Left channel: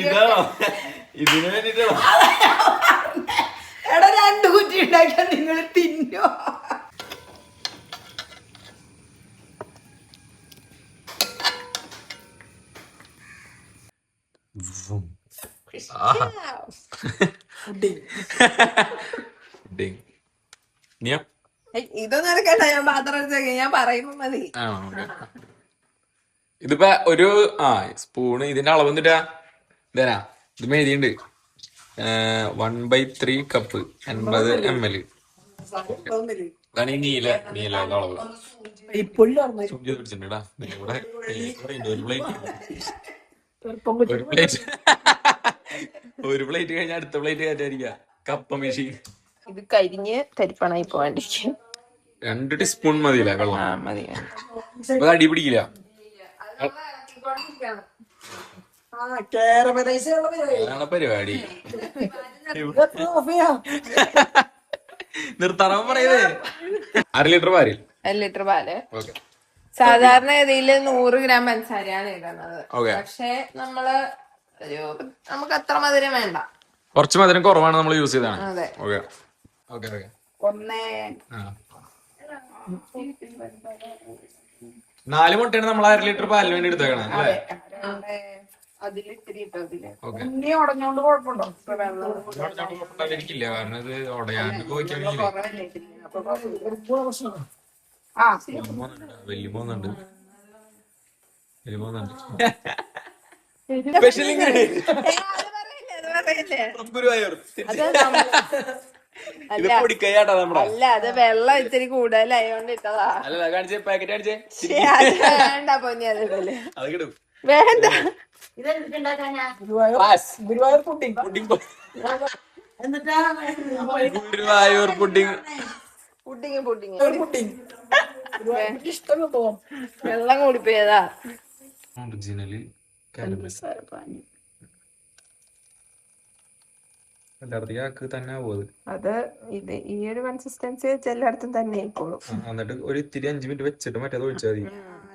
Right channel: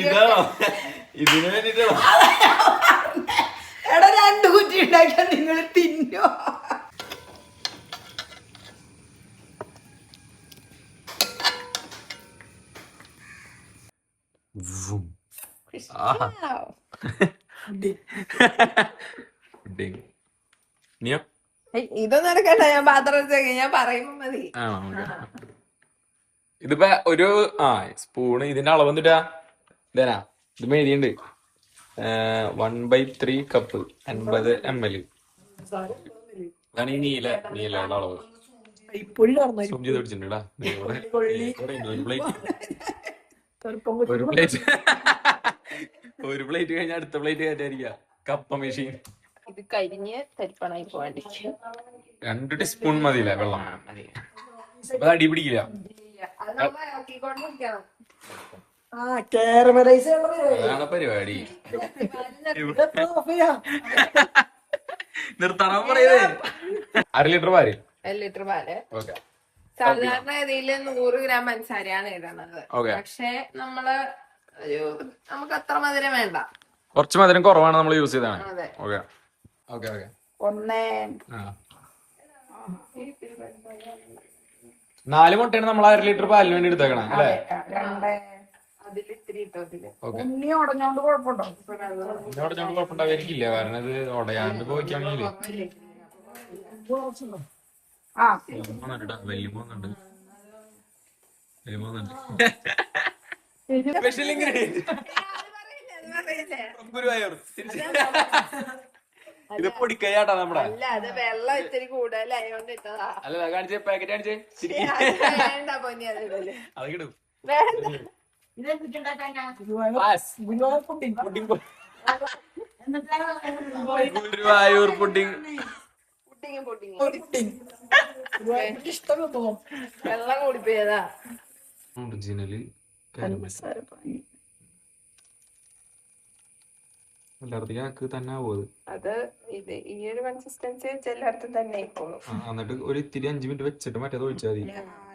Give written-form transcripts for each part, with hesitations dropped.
ഇതോ ഇതിന് വേണ്ടിട്ടോ എടാ 2 കുറ്റി ഉണ്ടാക്കിയാൽ നിങ്ങൾ തിന്നോ? ഇതൊന്നും എടുക്കണ്ട, ഞാൻ പാത്രം വെച്ചേക്ക, ഞാൻ പറയുമ്പോ മതി. ഇതിപ്പോ ഒരു സ്പൂണ് ഇതിന്റെ അളവ് എന്നിട്ടാ ഇതരാ ഇത് മേടിയുണ്ട് 1/3 കപ്പ് 80 ml. അതാണ് ഈ നീലയുടെ അളവ്. സൂം ചെയ്ത് പിടിച്ചിട്ടുണ്ടാ ഒരു പ്ലേറ്റ് കഴിഞ്ഞ അടുത്ത പ്ലേറ്റ് കയറ്റായിരിക്ക കപ്പ മെഷീൻ. ഇത് കരിഞ്ഞ് തരിപ്പണായി പോവാണ്ടിരിക്കും. 2 ടീസ്പൂൺ മതിയില്ലേ വെള്ളം? മതി. അപ്പൊ അടി പിടിക്കില്ല. അതാണ് പരിപാടി. നിർത്താൻ പറയുന്നേ. 1/2 ലിറ്റർ പാല്. 1 ലിറ്റർ പാല്. സാധാരണ ഇതില് 100 ഗ്രാം പഞ്ചസാരയാണ് ഇടുന്നത്. പക്ഷെ നമ്മള് നമുക്ക് അത്ര മധുരം വേണ്ട, കുറച്ച് മധുരം കുറവാണ് നമ്മൾ യൂസ് ചെയ്താണ്. 4 മുട്ടയാണ് നമ്മൾ 1/2 ലിറ്റർ പാലിന് വേണ്ടി എടുത്തേക്കണം അല്ലേ? ഉടഞ്ഞോണ്ട് കുഴപ്പമുണ്ടായിരിക്കില്ല, കാരണം ഇത് ഉടയാണ്ട് പോയിക്കാണെങ്കിൽ വലിയ സ്പെഷ്യൽ ഇൻഗ്രീഡിയന്റ് ഗുരുവായൂർ. ഇത് പൊടിക്കൈയാട്ടാ നമ്മുടെ. അല്ല, അത് വെള്ളം ഇത്തിരി കൂടുതലായോണ്ട് ഇട്ടതാ. അല്ല കാണിച്ചേ, പാക്കറ്റ് കാണിച്ചേ. അത് കിട്ടും. വേണ്ട, ഗുരുവായൂർ പുഡിംഗ്. ഗുരുവായൂർ പുഡിംഗ് വെള്ളം കൂടിപ്പോയതാ. ഒറിജിനല് എല്ലായിടത്തേക്ക് തന്നെ പോകുന്നത്. അത് ഇത് ഈ ഒരു കൺസിസ്റ്റൻസി വെച്ച് എല്ലായിടത്തും തന്നെ ആയിക്കോളും. എന്നിട്ട് ഒരു ഇത്തിരി 5 മിനിറ്റ് വെച്ചിട്ട് മറ്റേത് ഒഴിച്ചാൽ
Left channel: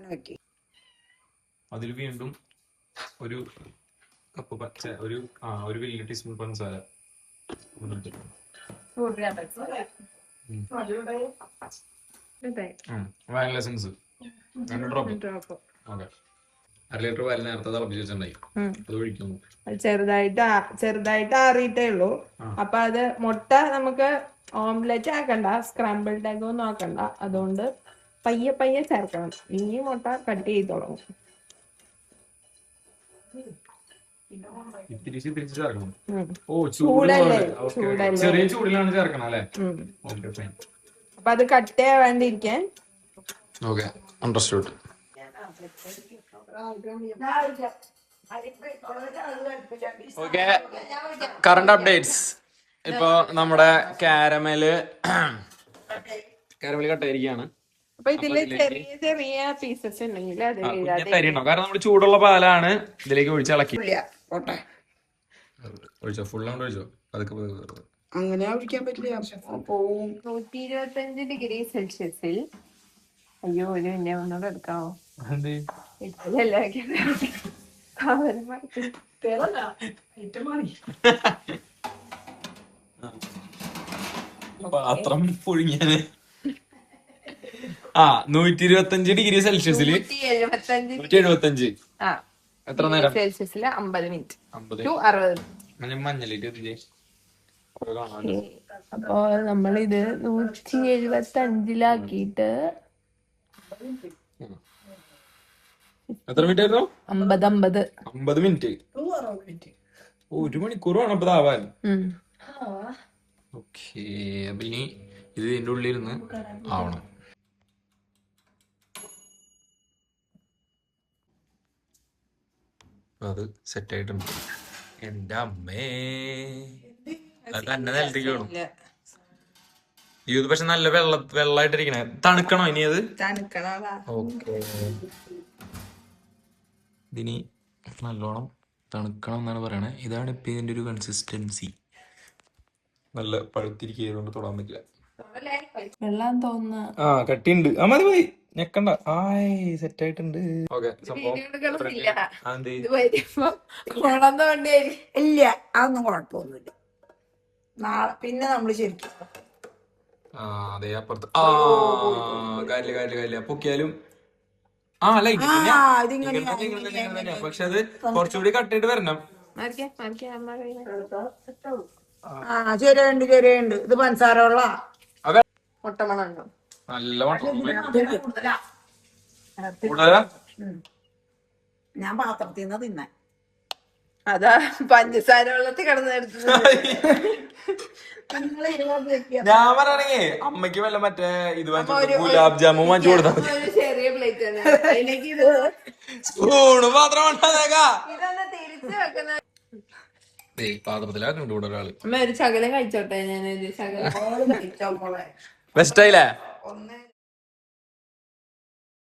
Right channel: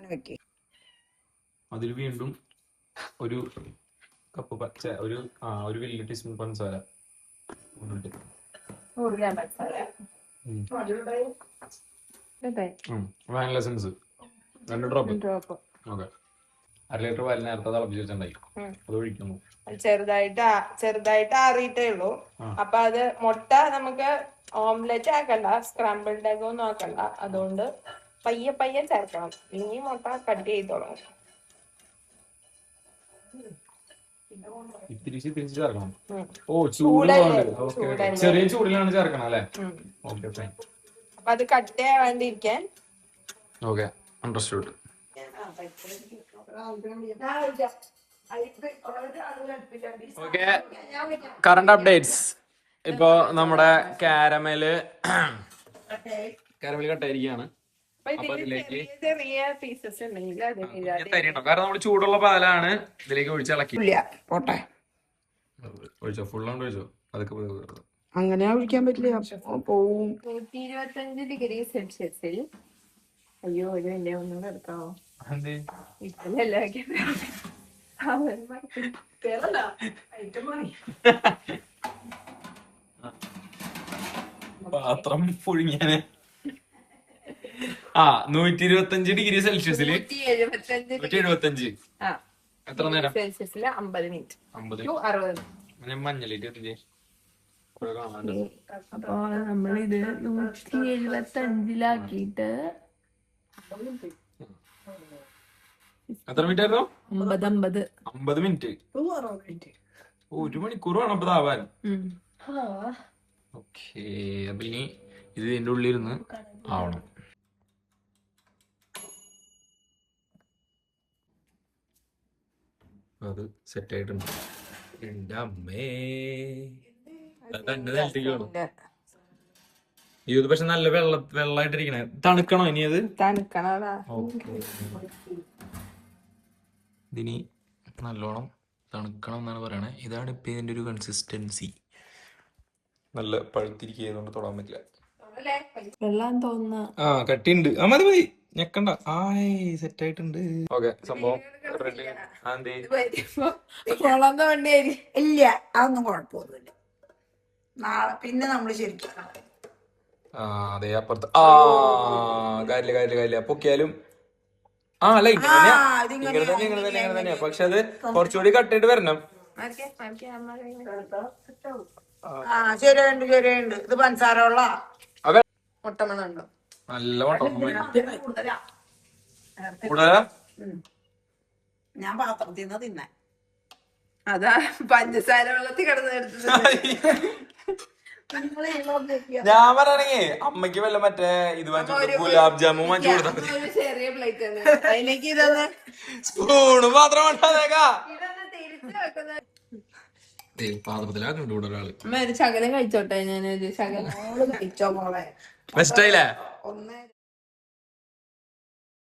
മതി. അതിൽ വീണ്ടും ഒരു കപ്പ് പച്ച ഒരു വലിയ ടീസ്പൂൺ പഞ്ചസാര. Vanilla essence 2 drop. Okay, 1/2 litre പാലിന് നേരത്തെ തിളപ്പിച്ച് വെച്ചിട്ടുണ്ടായി, അത് ഒഴിക്കുന്നു. ചെറുതായിട്ട് ആറിയിട്ടേ ഉള്ളൂ. അപ്പൊ അത് മുട്ട നമുക്ക് ഓംലെറ്റ് ആക്കണ്ട, സ്ക്രാമ്പിൾഡ് എഗ് ഒന്നും ആക്കണ്ട. അതുകൊണ്ട് പയ്യെ ചേർക്കണം. ഇനി മുട്ട കട്ട് ചെയ്ത് തുടങ്ങും. ചേർക്കണം. ചെറിയ ചൂടിലാണ് ചേർക്കണം അല്ലേ? അപ്പൊ അത് കട്ട് ചെയ്യാണ്ടിരിക്കാൻ. Okay, understood. Okay, current updates. ഇപ്പൊ നമ്മുടെ കാരമല് കട്ടായിരിക്കുകയാണ്. കാരണം നമ്മള് ചൂടുള്ള പാലാണ് ഇതിലേക്ക് ഒഴിച്ചിളക്കി. ഒഴിച്ചോ, ഫുള്ളാണ്ട് ഒഴിച്ചോ. അതൊക്കെ അങ്ങനെ ഒഴിക്കാൻ പറ്റില്ല. 125 ഡിഗ്രി സെൽഷ്യസിൽ. അയ്യോ, ഒരു വലിയ ഒന്നോട് എടുക്കാവോ? പാത്രം പുഴുങ്ങിയാണ്. 125 ഡിഗ്രി സെൽഷ്യസിൽ 175. എത്ര നേരം? സെൽഷ്യസിൽ 50 മിനിറ്റ്. 60. മഞ്ഞളിട്ട്. അപ്പൊ നമ്മളിത് 175-ലാക്കിട്ട് എത്ര മിനിറ്റ് ആയിരുന്നു? 50 മിനിറ്റ്. 1 മണിക്കൂർ വേണം അപ്പൊ ഇതാവാൻ. ഓക്കെ, അപ്പൊ ഇനി ഇത് ഇതിന്റെ ഉള്ളിലിരുന്ന് ആവണം. അത് സെറ്റ് ആയിട്ടുണ്ട്. എന്റെ അമ്മേ, അത് തന്നെ നിലത്തേക്ക് വേണം. ഇത് പക്ഷെ നല്ല വെള്ളമായിട്ടിരിക്കണേ. തണുക്കണോ ഇനി? അത് ഓക്കെ, ഇതിനി നല്ലോണം തണുക്കണം എന്നാണ് പറയണേ. ഇതാണ് ഇപ്പൊ ഇതിന്റെ ഒരു കൺസിസ്റ്റൻസി. നല്ല പഴുത്തിരിക്കുന്നതുകൊണ്ട് തൊടാൻ പറ്റില്ല. വെള്ളം തോന്നുന്നു. കട്ടിയുണ്ട്. മതി മതി, ഞെക്കണ്ട ആയി സെറ്റ് ആയിട്ടുണ്ട്. ഓക്കെ സംഭവം ഇല്ല അതൊന്നും കുഴപ്പമൊന്നുമില്ല. നാളെ പിന്നെ നമ്മള് ശരിക്കും അതെ അപ്പുറത്ത് കാര്യമില്ല പൊക്കിയാലും ലൈറ്റ് ഇങ്ങനെ തന്നെയാ. പക്ഷെ അത് കുറച്ചുകൂടി കട്ടിട്ട് വരണം. ശരിയുണ്ട് ഇത് പഞ്ചസാരമുള്ള നല്ല കൂടുതലാ. ഞാൻ പാത്രത്തിൽ നിന്ന് തിന്നാൻ അതാ പഞ്ചസാര വെള്ളത്തിൽ കിടന്നെടുത്തത്. ഞാൻ പറയണെങ്കിൽ അമ്മയ്ക്ക് വല്ല മറ്റേ ഇത് വാങ്ങിച്ചു ഗുലാബ് ജാമുൻ വാങ്ങിച്ചു കൊടുത്താൽ മതി. ചെറിയ പ്ലേറ്റ് ആണ് അതിലേക്ക് സ്പൂണ് മാത്രം പാത്രത്തിലാക്കുന്നുണ്ട് ഇവിടെ ഒരാള്. ശകലം കഴിച്ചോട്ടെ ഞാനൊരു ശകലം ബെസ്റ്റ് ആയില്ലേ?